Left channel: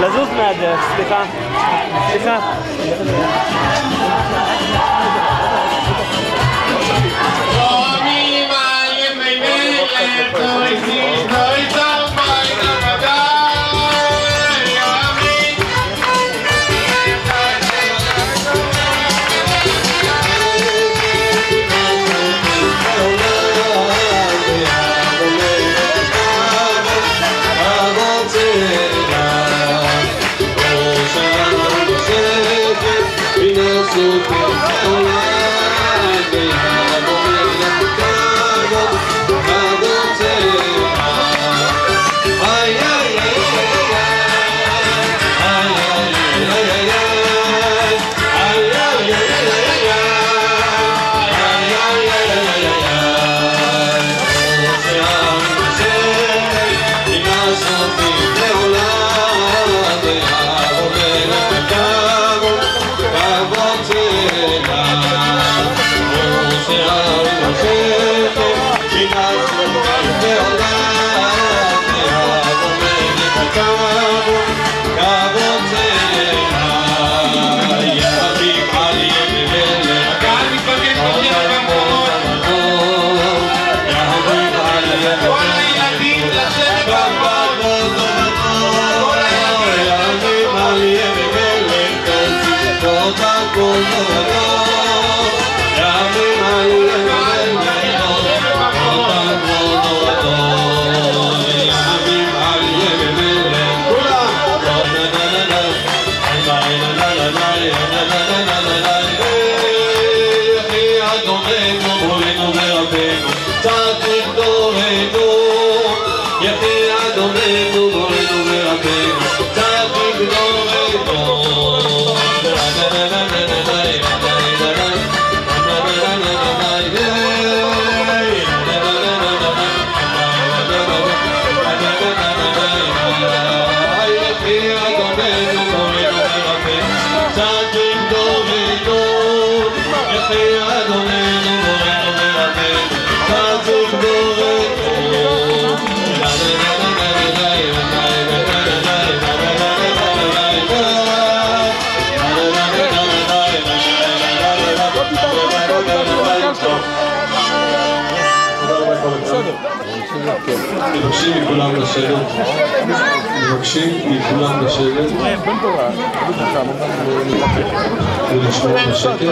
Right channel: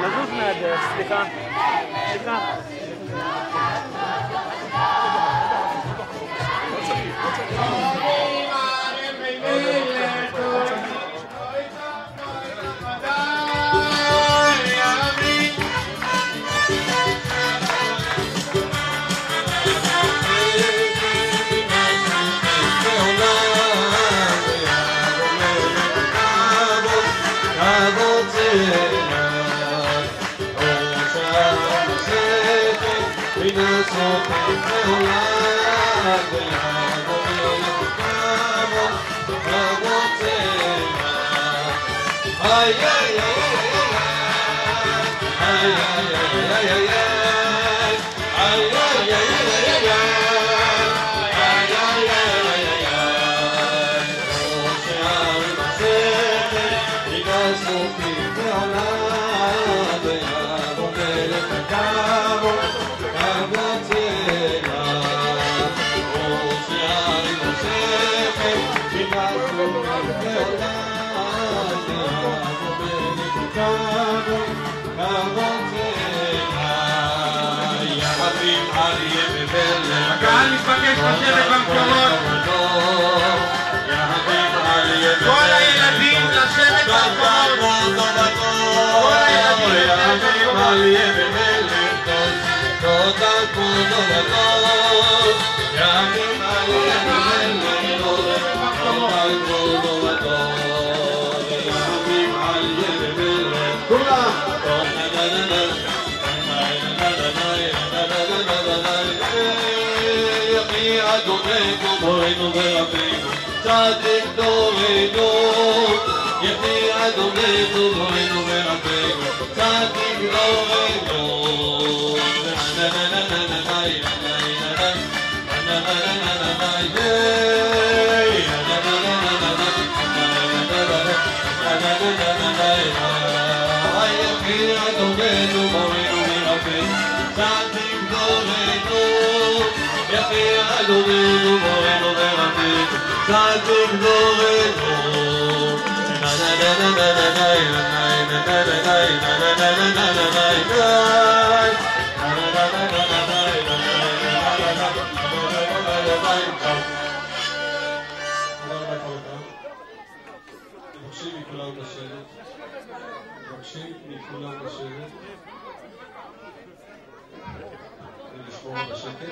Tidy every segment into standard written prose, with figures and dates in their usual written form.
לזוז מהדרך, סליחה. סליחה. מבקשים מכולם לשבת. ולשמור בשקט.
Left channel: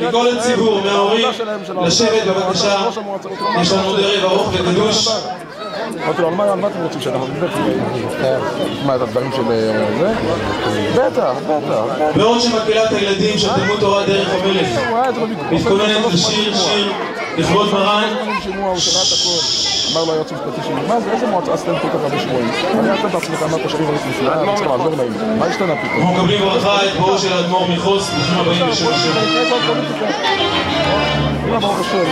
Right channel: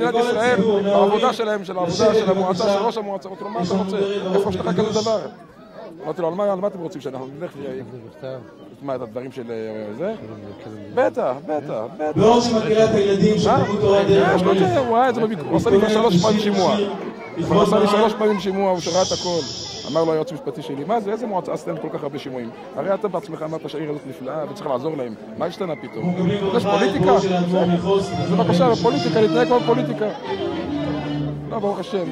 מכל הציבור, מההורים, לשבת בבקשה. יש לנו עוד ערב ארוך וקדוש. אמרתי לו, על מה אתם רוצים שאנחנו נשמע את הדברים של זה? בטח. בעוד שמקהלת הילדים של תלמוד תורה דרך המלך מתכוננת לשיר לכבוד מרן. הוא שמע את הכל. אמר לו היועץ המשפטי שלי, מה זה? איזה מועצה עשיתם כל כך הרבה שבועים? אני אתם בעצמך אמרת שהעיר הזאת נפלאה, אני צריך לעזור להם. מה השתנה פתאום? אנחנו מקבלים ברכה את בואו של האדמו"ר מחוס, ברוכים הבאים בשם השם. ברוך השם.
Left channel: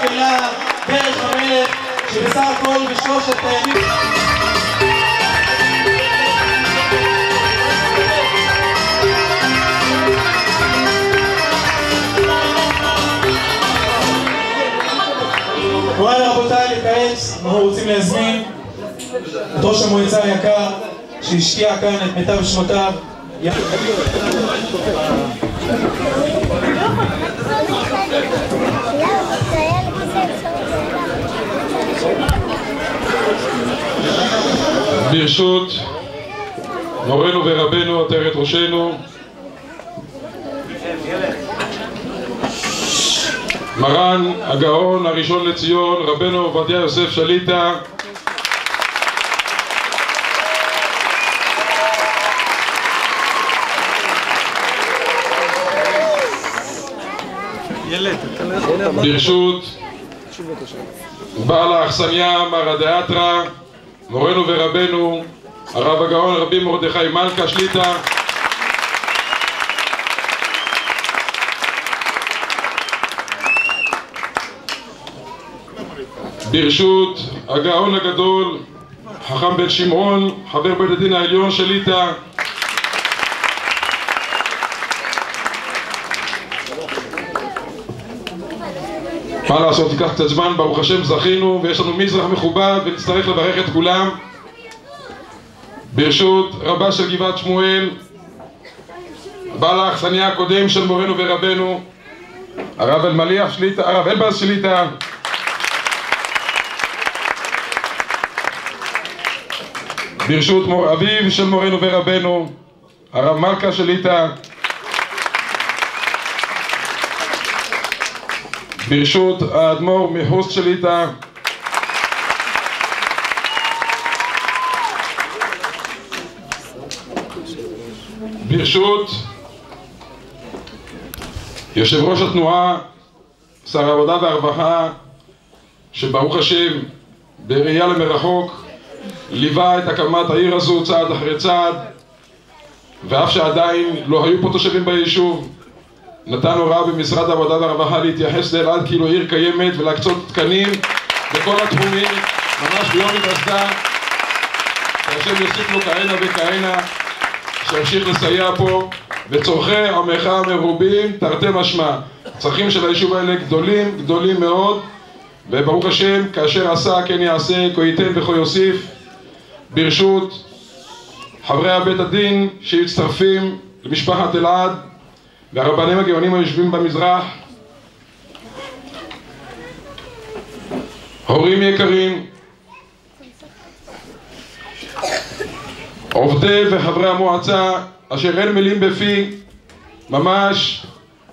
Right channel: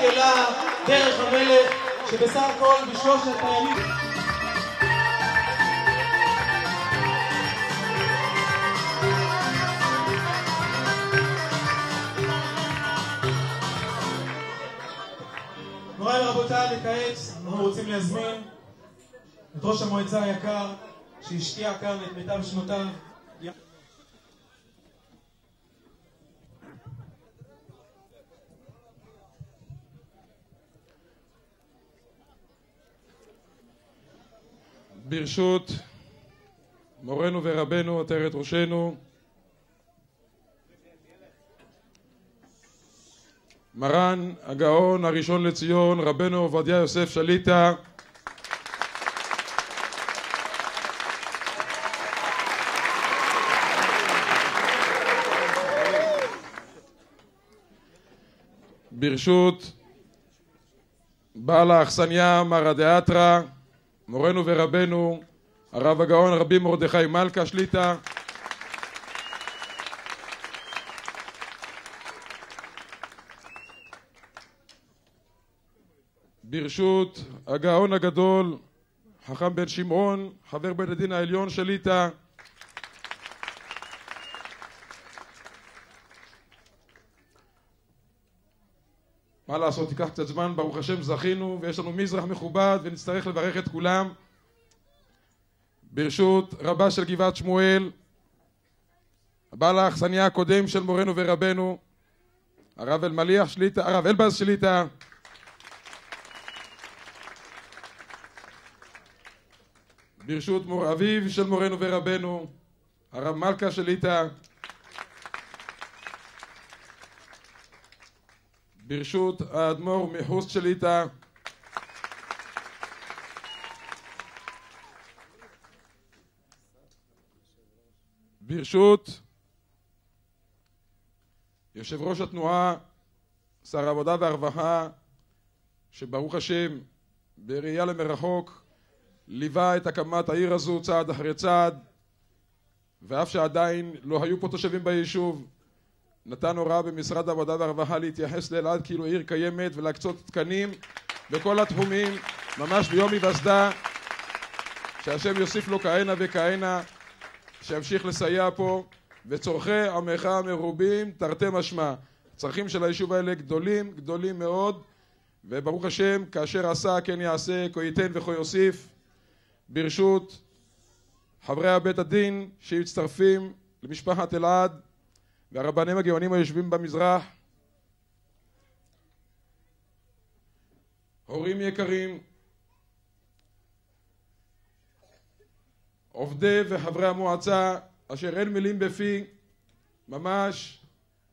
מקהלה דרך המלך, שבסך הכל בשלושת הימים מוריי ורבותיי, לכעת אנחנו רוצים להזמין את ראש המועצה היקר שהשקיע כאן את מיטב שנותיו. ברשות מורנו ורבנו עטרת ראשנו מרן הגאון הראשון לציון רבנו עובדיה יוסף שליט"א, ברשות בעל האכסניה מר הדאטרה מורנו ורבנו הרב הגאון רבי מרדכי מלכה שליט"א, ברשות הגאון הגדול חכם בן שמעון חבר בית הדין העליון שליט"א, מה לעשות, תיקח קצת זמן, ברוך השם זכינו ויש לנו מזרח מכובד ונצטרך לברך את כולם. ברשות רבה של גבעת שמואל בעל האכסניה הקודם של מורנו ורבנו הרב אלמליח שליט"א, הרב אלבז שליט"א, ברשות מור אביו של מורנו ורבנו הרב מלכה שליט"א, ברשות האדמו"ר מחוסט שליט"א, ברשות יושב ראש התנועה שר העבודה והרווחה שברוך השם בראייה למרחוק ליווה את הקמת העיר הזו צעד אחרי צעד, ואף שעדיין לא היו פה תושבים ביישוב נתן הוראה במשרד העבודה והרווחה להתייחס לאלעד כאילו עיר קיימת ולהקצות תקנים בכל התחומים ממש ביום היווסדה, שהשם יוסיף לו כהנה וכהנה, שימשיך לסייע פה וצורכי עמך מרובים תרתי משמע. צרכים של היישוב האלה גדולים מאוד, וברוך השם כאשר עשה כן יעשה, כה ייתן וכה יוסיף. ברשות חברי בית הדין שמצטרפים למשפחת אלעד והרבנים הגאונים היושבים במזרח, הורים יקרים, עובדי וחברי המועצה אשר אין מילים בפי, ממש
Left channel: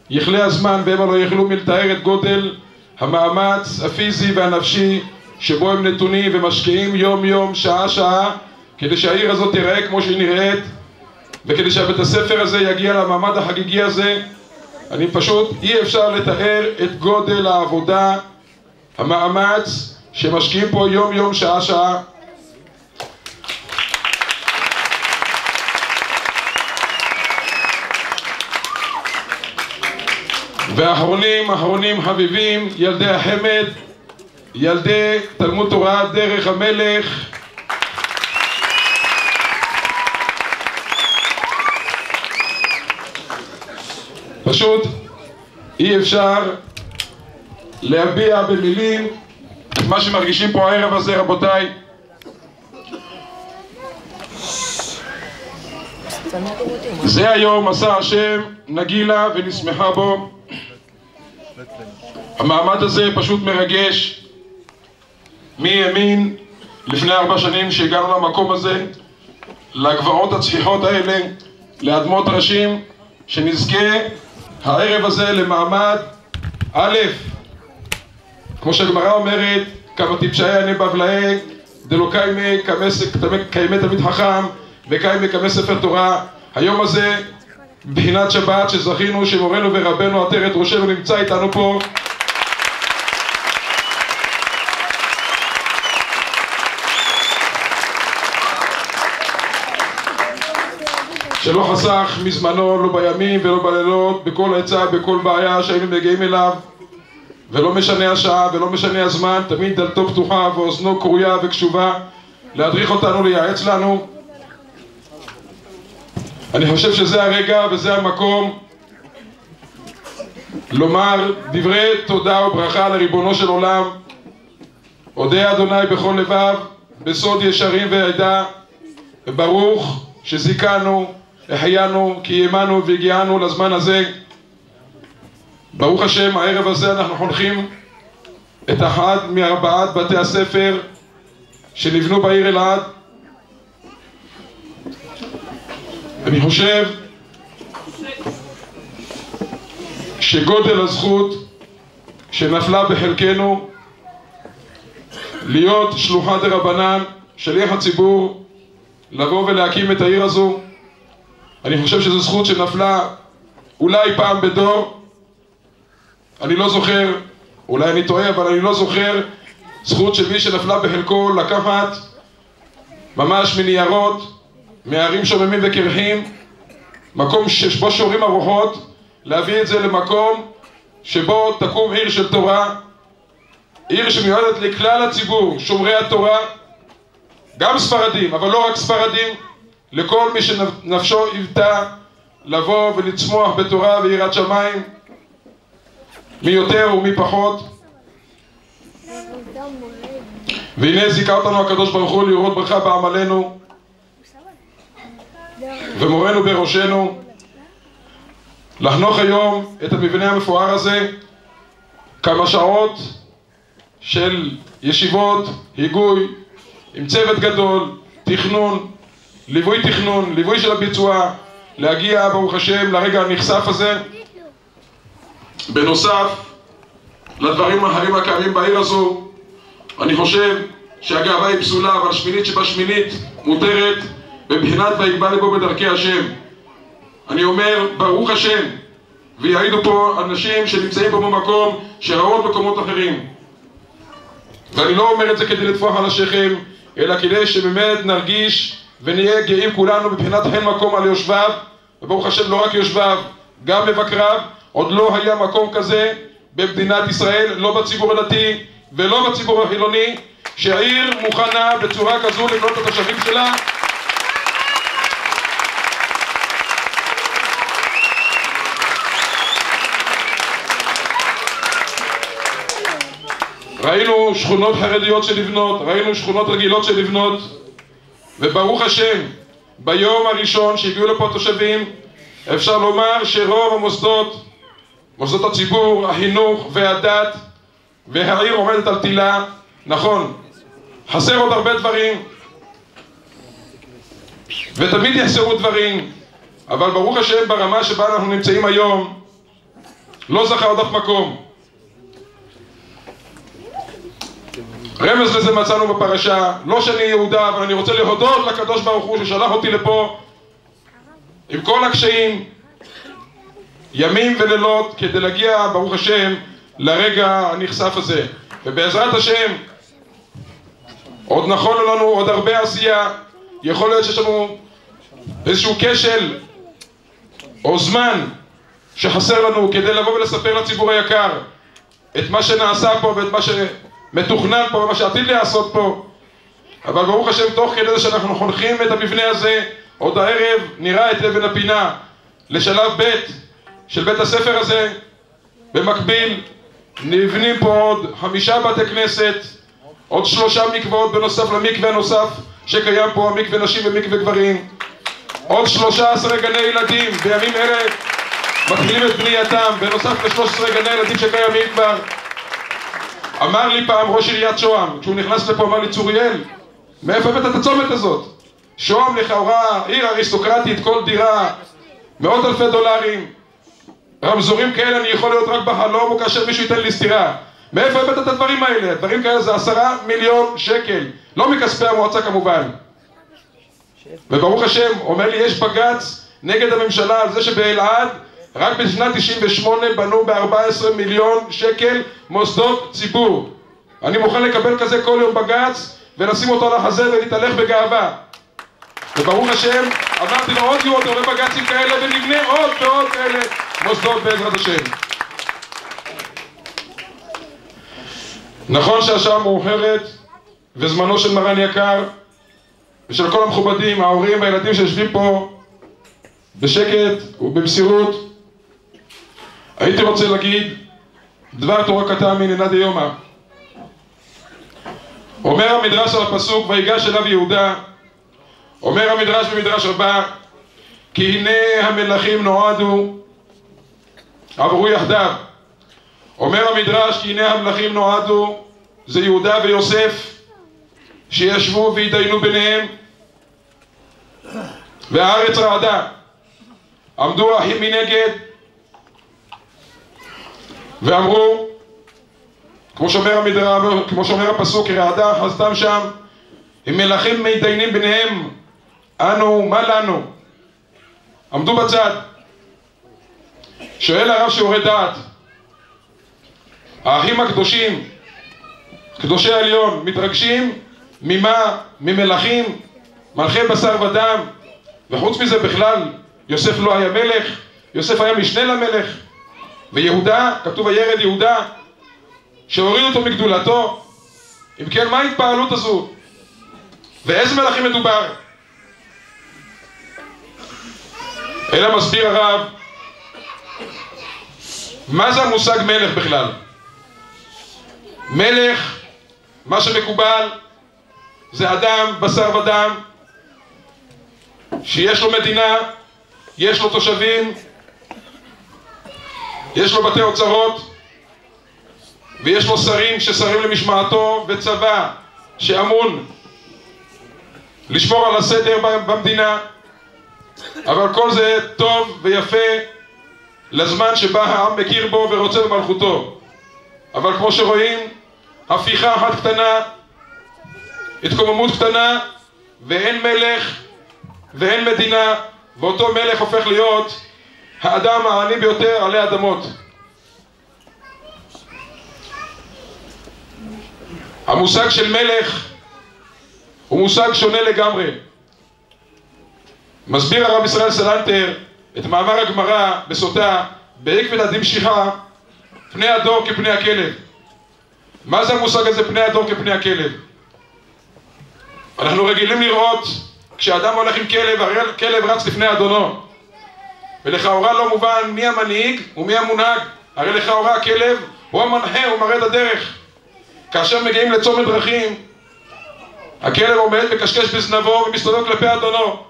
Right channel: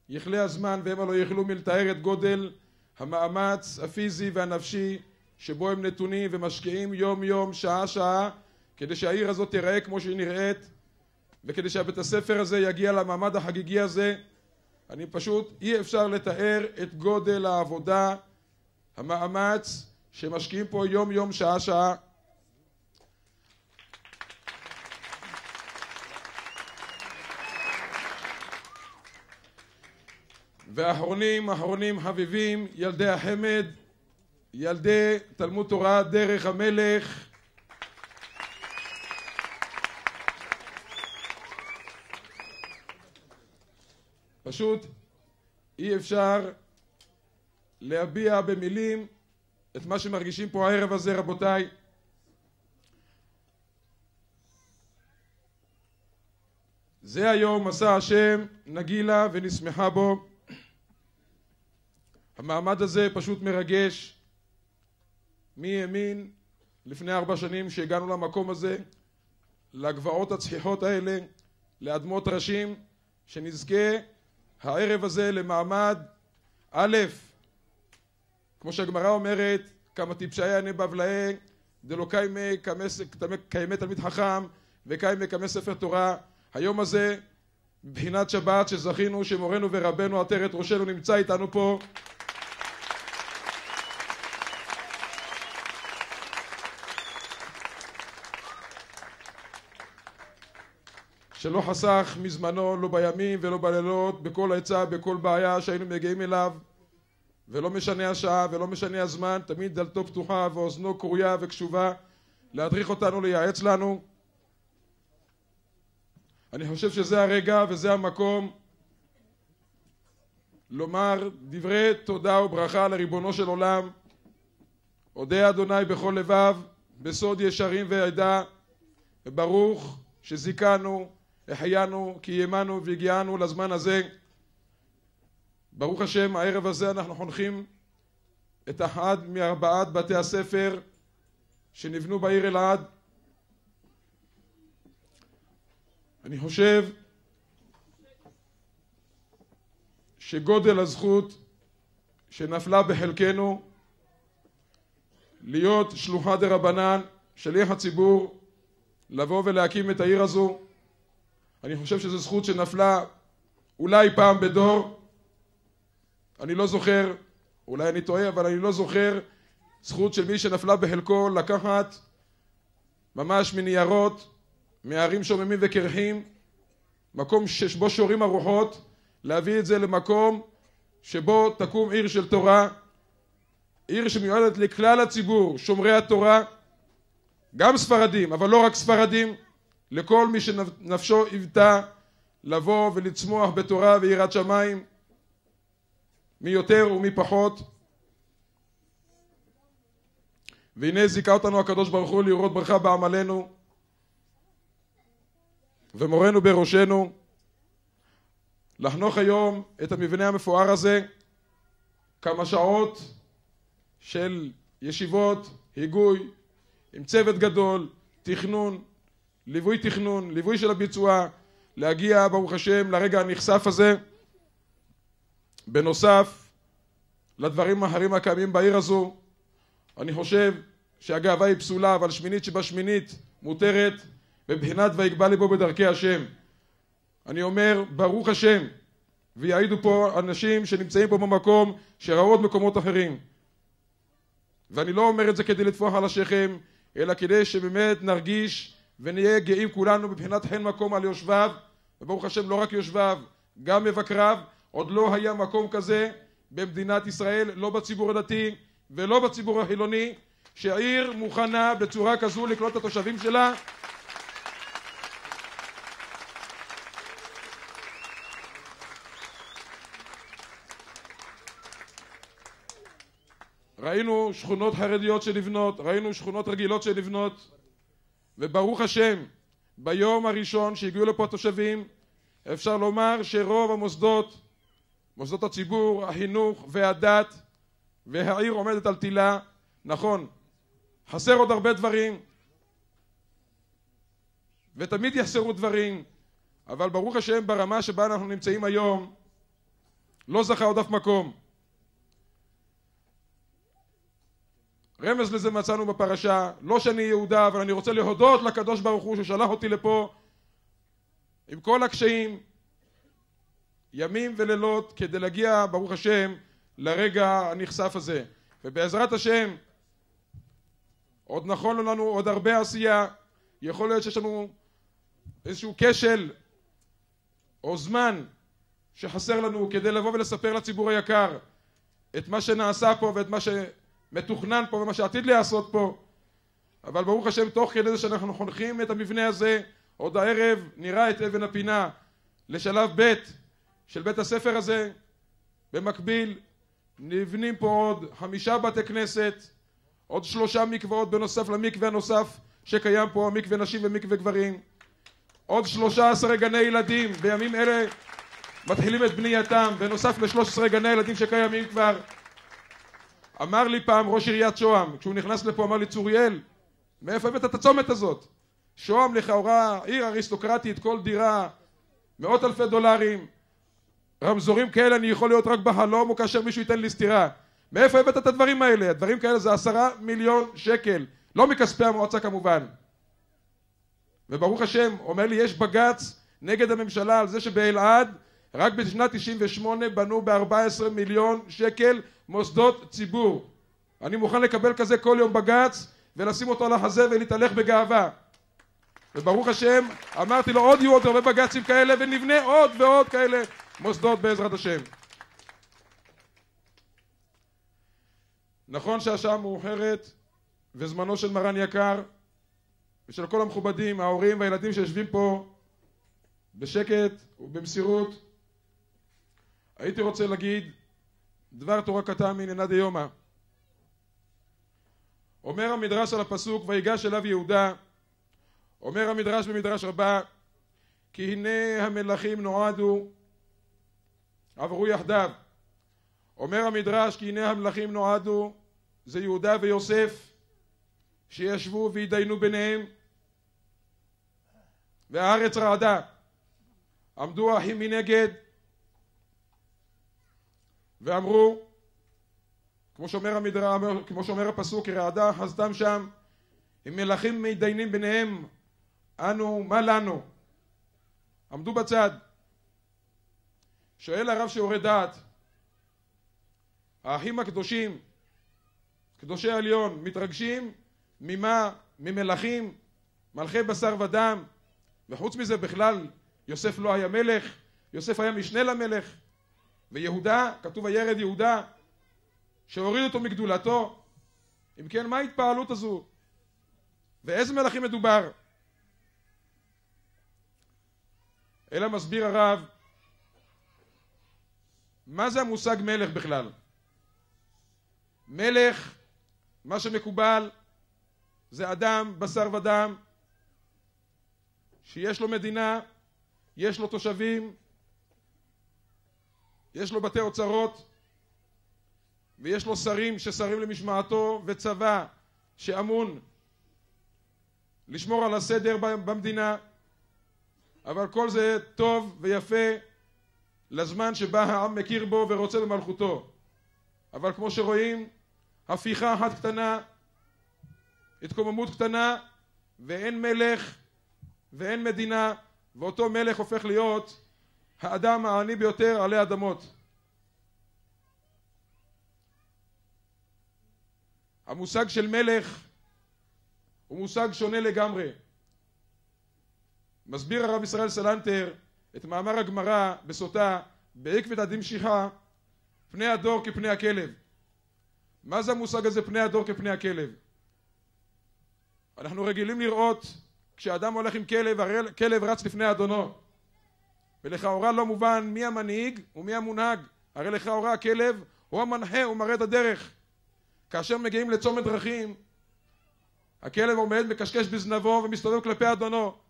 יכלה הזמן והם לא יכלו מלתאר את גודל המאמץ הפיזי והנפשי שבו הם נתונים ומשקיעים יום יום שעה שעה כדי שהעיר הזאת תיראה כמו שהיא נראית וכדי שהבית הספר הזה יגיע למעמד החגיגי הזה. אני פשוט אי אפשר לתאר את גודל העבודה, המאמץ שמשקיעים פה יום יום שעה שעה. ואחרונים חביבים, ילדי החמד, ילדי תלמוד תורה דרך המלך, פשוט אי אפשר להביע במילים את מה שמרגישים פה הערב הזה, רבותיי. זה היום עשה השם נגילה ונשמחה בו. המעמד הזה פשוט מרגש. מי האמין לפני 4 שנים שהגענו למקום הזה, לגבעות הצחיחות האלה, לאדמות ראשים, שנזכה הערב הזה למעמד א', כמו שהגמרא אומרת, כמה טיפשיה ענה בבלעי דלא קיימא תלמיד חכם וקיימא כמי ספר תורה. היום הזה בבחינת שבת שזכינו שמורנו ורבנו עטרת ראשנו נמצא איתנו פה, שלא חסך מזמנו לא בימים ולא בלילות, בכל עצה, בכל בעיה שהיינו מגיעים אליו, ולא משנה השעה ולא משנה הזמן, תמיד דלתו פתוחה ואוזנו קרויה וקשובה להדריך אותנו, לייעץ לנו. אני חושב שזה הרגע וזה המקום לומר דברי תודה וברכה לריבונו של עולם. אודה אדוני בכל לבב, בסוד ישרים ועדה, וברוך שזיכנו, החיינו, קיימנו והגיענו לזמן הזה. ברוך השם, הערב הזה אנחנו חונכים את אחד מארבעת בתי הספר שנבנו בעיר אלעד. אני חושב שגודל הזכות שנפלה בחלקנו להיות שלוחה דרבנן, שליח הציבור, לבוא ולהקים את העיר הזו. אני חושב שזו זכות שנפלה אולי פעם בדור. אני לא זוכר, אולי אני טועה, אבל אני לא זוכר זכות של מי שנפלה בחלקו לקחת ממש מניירות, מערים שוממים וקרחים, מקום שבו שורים הרוחות, להביא את זה למקום שבו תקום עיר של תורה, עיר שמיועדת לכלל הציבור, שומרי התורה, גם ספרדים, אבל לא רק ספרדים, לכל מי שנפשו היוותה לבוא ולצמוח בתורה ויראת שמיים, מי יותר ומי פחות. והנה זיכה אותנו הקדוש ברוך הוא לראות ברכה בעמלנו ומורנו בראשנו, לחנוך היום את המבנה המפואר הזה, כמה שעות של ישיבות, היגוי, עם צוות גדול, תכנון, ליווי של הביצוע, להגיע ברוך השם לרגע הנכסף הזה. בנוסף לדברים האחרים הקיימים בעיר הזו, אני חושב שהגאווה היא פסולה, אבל שמינית שבשמינית מותרת בבחינת ויגבה לבו בדרכי השם. אני אומר ברוך השם, ויעידו פה אנשים שנמצאים פה במקום שראו עוד מקומות אחרים, ואני לא אומר את זה כדי לטפוח על השכם, אלא כדי שבאמת נרגיש ונהיה גאים כולנו בבחינת חן מקום על יושביו, וברוך השם לא רק יושביו, גם מבקריו. עוד לא היה מקום כזה במדינת ישראל, לא בציבור הדתי ולא בציבור החילוני, שהעיר מוכנה בצורה כזו לבנות את התושבים שלה. ראינו שכונות חרדיות שנבנות, ראינו שכונות רגילות שנבנות, וברוך השם, ביום הראשון שהגיעו לפה תושבים, אפשר לומר שרוב המוסדות, מוסדות הציבור, החינוך והדת והעיר עומדת על תילה. נכון, חסר עוד הרבה דברים, ותמיד יחסרו דברים, אבל ברוך השם ברמה שבה אנחנו נמצאים היום, לא זכה עוד אף מקום. רמז לזה מצאנו בפרשה, לא שאני יהודה, אבל אני רוצה להודות לקדוש ברוך הוא ששלח אותי לפה עם כל הקשיים, ימים ולילות, כדי להגיע ברוך השם לרגע הנכסף הזה. ובעזרת השם עוד נכון לנו עוד הרבה עשייה. יכול להיות שיש לנו איזשהו כשל או זמן שחסר לנו כדי לבוא ולספר לציבור היקר את מה שנעשה פה ואת מה שמתוכנן פה ומה שעתיד לעשות פה. אבל ברוך השם תוך כדי זה שאנחנו חונכים את המבנה הזה, עוד הערב נראה את אבן הפינה לשלב ב' של בית הספר הזה. במקביל נבנים פה עוד 5 בתי כנסת, עוד 3 מקוואות בנוסף למקווה הנוסף שקיים פה, המקווה נשים ומקווה גברים, עוד 13 גני ילדים בימים אלה מתחילים את בנייתם בנוסף ל13 גני ילדים שקיימים כבר. אמר לי פעם ראש עיריית שוהם, כשהוא נכנס לפה, אמר לי, צוריאל, מאיפה הבאת את הצומת הזאת? שוהם לכאורה עיר אריסטוקרטית, כל דירה מאות אלפי דולרים, רמזורים כאלה אני יכול להיות רק בחלום או כאשר מישהו ייתן לי סתירה. מאיפה הבאת את הדברים האלה? דברים כאלה זה 10 מיליון שקל, לא מכספי המועצה כמובן. וברוך השם, אומר לי, יש בגץ נגד הממשלה על זה שבאלעד רק בשנת 98 בנו ב14 מיליון שקל מוסדות ציבור. אני מוכן לקבל כזה כל יום בגץ ולשים אותו על החזה ונתהלך בגאווה. וברוך השם, אמרתי לו, עוד יהיו עוד הרבה בגצים כאלה ונבנה עוד ועוד כאלה מוסדות בעזרת השם. נכון שהשעה מאוחרת וזמנו של מרן יקר ושל כל המכובדים, ההורים והילדים שיושבים פה בשקט ובמסירות, הייתי רוצה להגיד דבר תורה קטן מנינא דיומא. אומר המדרש על הפסוק ויגש אליו יהודה, אומר המדרש במדרש רבה, כי הנה המלכים נועדו עברו יחדיו. אומר המדרש כי הנה המלכים נועדו, זה יהודה ויוסף שישבו והתדיינו ביניהם, והארץ רעדה, עמדו האחים מנגד ואמרו, כמו שאומר הפסוק, רעדה חסדם שם, אם מלכים מתדיינים ביניהם, אנו מה לנו? עמדו בצד. שואל הרב שיעורי דעת, האחים הקדושים, קדושי העליון, מתרגשים ממה? ממלכים, מלכי בשר ודם, וחוץ מזה בכלל יוסף לא היה מלך, יוסף היה משנה למלך, ויהודה, כתוב הירד יהודה, שהוריד אותו מגדולתו. אם כן, מה ההתפעלות הזו? ואיזה מלכים מדובר? אלא מסביר הרב, מה זה המושג מלך בכלל? מלך, מה שמקובל, זה אדם, בשר ודם, שיש לו מדינה, יש לו תושבים, יש לו בתי אוצרות, ויש לו שרים ששרים למשמעתו, וצבא שאמון לשמור על הסדר במדינה. אבל כל זה טוב ויפה לזמן שבה העם מכיר בו ורוצה במלכותו. אבל כמו שרואים, הפיכה אחת קטנה, התקוממות קטנה, ואין מלך ואין מדינה, ואותו מלך הופך להיות האדם העני ביותר עלי אדמות. המושג של מלך הוא מושג שונה לגמרי. מסביר הרב ישראל סלנטר את מאמר הגמרא בסוטה בעקבתא דמשיחא, פני הדור כפני הכלב. מה זה המושג הזה פני הדור כפני הכלב? אנחנו רגילים לראות כשאדם הולך עם כלב, הרי כלב רץ לפני אדונו, ולכאורה לא מובן מי המנהיג ומי המונהג. הרי לכאורה הכלב הוא המנחה, הוא מראה את הדרך. כאשר מגיעים לצומת דרכים, הכלב עומד מקשקש בזנבו ומסתובב כלפי אדונו.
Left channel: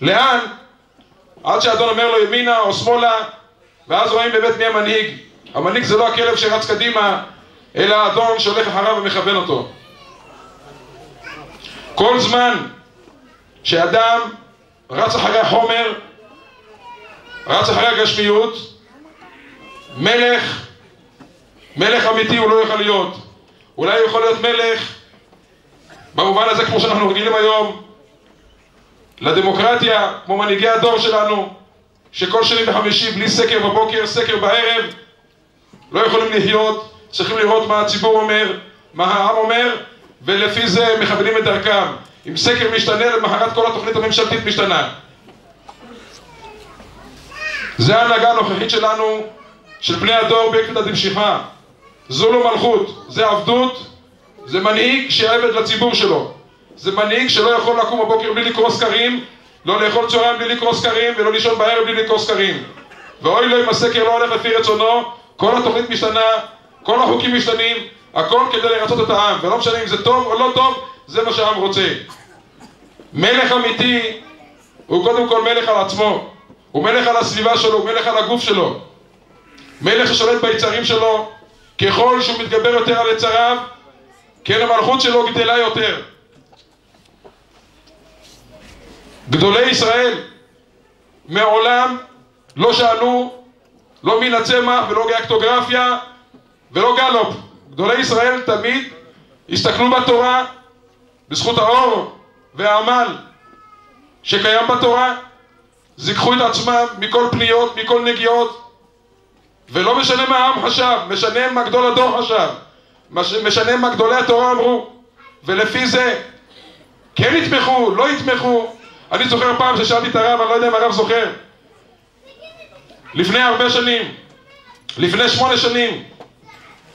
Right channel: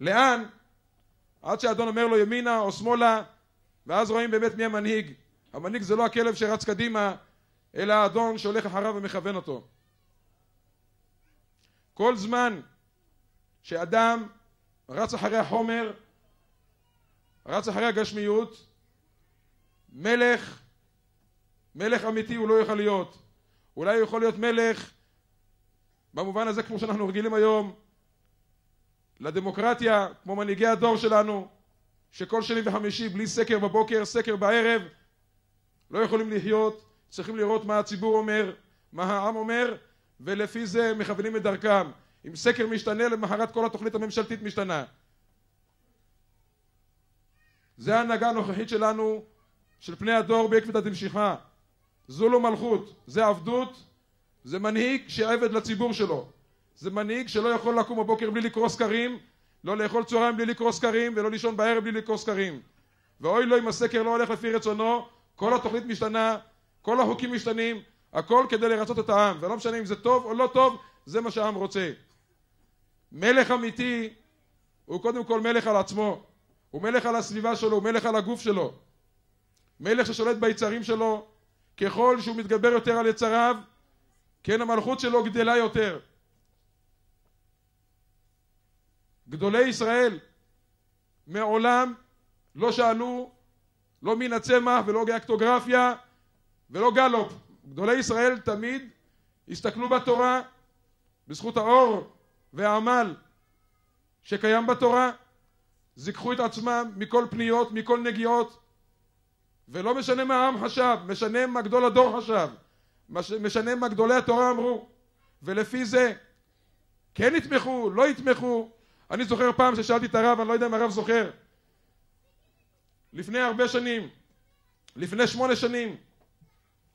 לאן? עד שהאדון אומר לו ימינה או שמאלה, ואז רואים באמת מי המנהיג. המנהיג זה לא הכלב שרץ קדימה, אלא האדון שהולך אחריו ומכוון אותו. כל זמן שאדם רץ אחרי החומר, רץ אחרי הגשמיות, מלך אמיתי הוא לא יכול להיות. אולי הוא יכול להיות מלך במובן הזה כמו שאנחנו רגילים היום לדמוקרטיה, כמו מנהיגי הדור שלנו, שכל שני וחמישי בלי סקר בבוקר, סקר בערב, לא יכולים לחיות. צריכים לראות מה הציבור אומר, מה העם אומר, ולפי זה מכוונים את דרכם. אם סקר משתנה, למחרת כל התוכנית הממשלתית משתנה. זה ההנהגה הנוכחית שלנו, של בני הדור בעקבתא דמשיחא. זו לא מלכות, זה עבדות, זה מנהיג שעבד לציבור שלו. זה מנהיג שלא יכול לקום בבוקר בלי לקרוא סקרים, לא לאכול צהריים בלי לקרוא סקרים, ולא לישון בערב בלי לקרוא סקרים. ואוי לו אם הסקר לא הולך לפי רצונו, כל התוכנית משתנה, כל החוקים משתנים, הכל כדי לרצות את העם, ולא משנה אם זה טוב או לא טוב, זה מה שהעם רוצה. מלך אמיתי הוא קודם כל מלך על עצמו, הוא מלך על הסביבה שלו, הוא מלך על הגוף שלו, מלך ששולט ביצרים שלו. ככל שהוא מתגבר יותר על יצריו, כן המלכות שלו גדלה יותר. גדולי ישראל מעולם לא שאלו לא מן הצמח ולא גיאקטוגרפיה ולא גלופ. גדולי ישראל תמיד הסתכלו בתורה, בזכות האור והעמל שקיים בתורה, זיככו את עצמם מכל פניות, מכל נגיעות, ולא משנה מה העם חשב, משנה מה גדול הדור חשב, משנה מה גדולי התורה אמרו, ולפי זה כן יתמכו, לא יתמכו. אני זוכר פעם ששאלתי את הרב, אני לא יודע אם הרב זוכר, לפני הרבה שנים, לפני 8 שנים,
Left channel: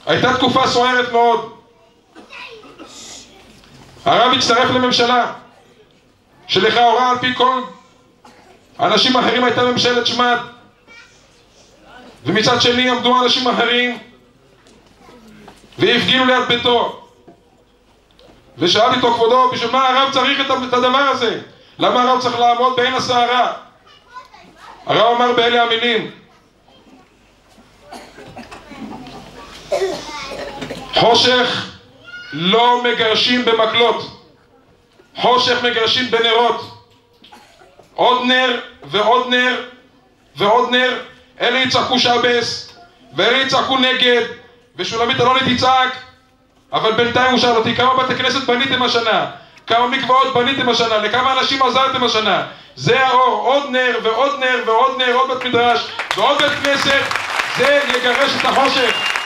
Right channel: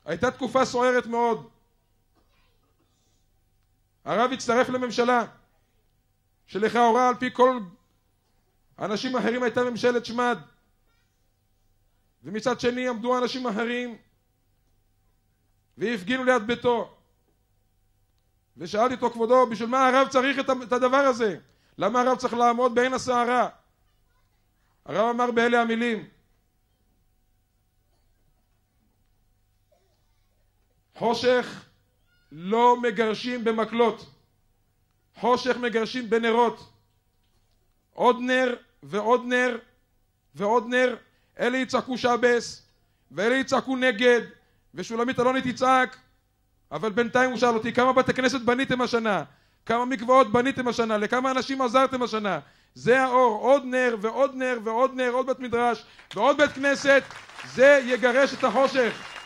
הייתה תקופה סוערת מאוד, הרב הצטרף לממשלה שלכאורה על פי כל אנשים אחרים הייתה ממשלת שמד, ומצד שני עמדו אנשים אחרים והפגינו ליד ביתו, ושאלתי אותו, כבודו, בשביל מה הרב צריך את הדבר הזה? למה הרב צריך לעמוד בעין הסערה? הרב אמר באלה המילים: חושך לא מגרשים במקלות, חושך מגרשים בנרות. עוד נר ועוד נר ועוד נר, אלה יצעקו שבס ואלה יצעקו נגד, ושולמית אלוני תצעק. אבל בינתיים הוא שאל אותי, כמה בתי כנסת בניתם השנה? כמה מקוואות בניתם השנה? לכמה אנשים עזרתם השנה? זה האור, עוד נר ועוד נר ועוד נר, עוד בית מדרש ועוד בית כנסת, זה יגרש את החושך.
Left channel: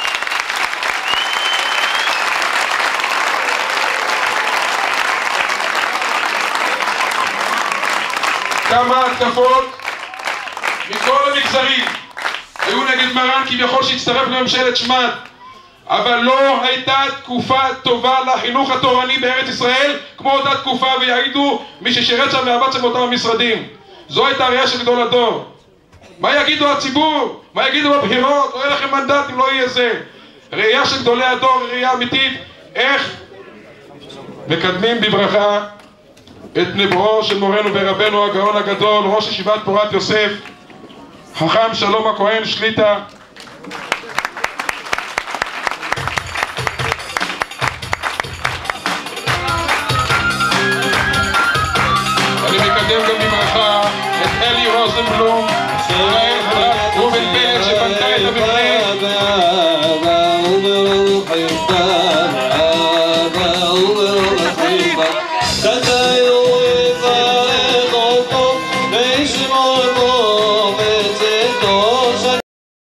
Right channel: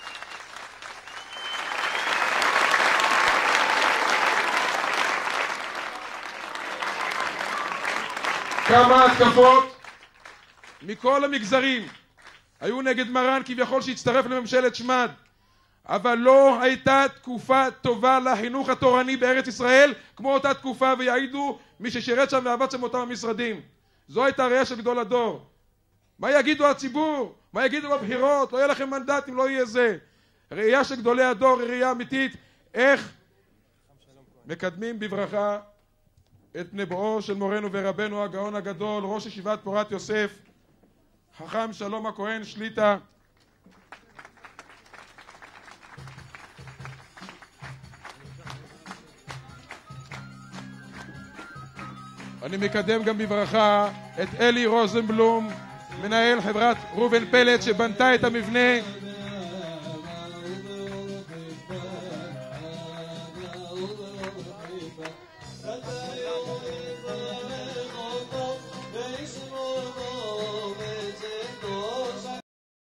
כמה התקפות מכל המגזרים היו נגד מרן כביכול שהצטרף לממשלת שמד, אבל לא הייתה תקופה טובה לחינוך התורני בארץ ישראל כמו אותה תקופה, ויעידו מי ששירת שם ועבד שם באותם המשרדים. זו הייתה ראייה של גדול הדור. מה יגידו הציבור? מה יגידו בבחירות? לא יהיה לכם מנדטים, לא יהיה זה. ראייה של גדולי הדור, ראייה אמיתית איך מקדמים בברכה את נבואו של מורנו ורבנו הגאון הגדול, ראש ישיבת פורת יוסף, חכם שלום הכהן שליטה. אני מקדם גם בברכה את אלי רוזנבלום, חברת ראובן פלד שבנתה את המבנה,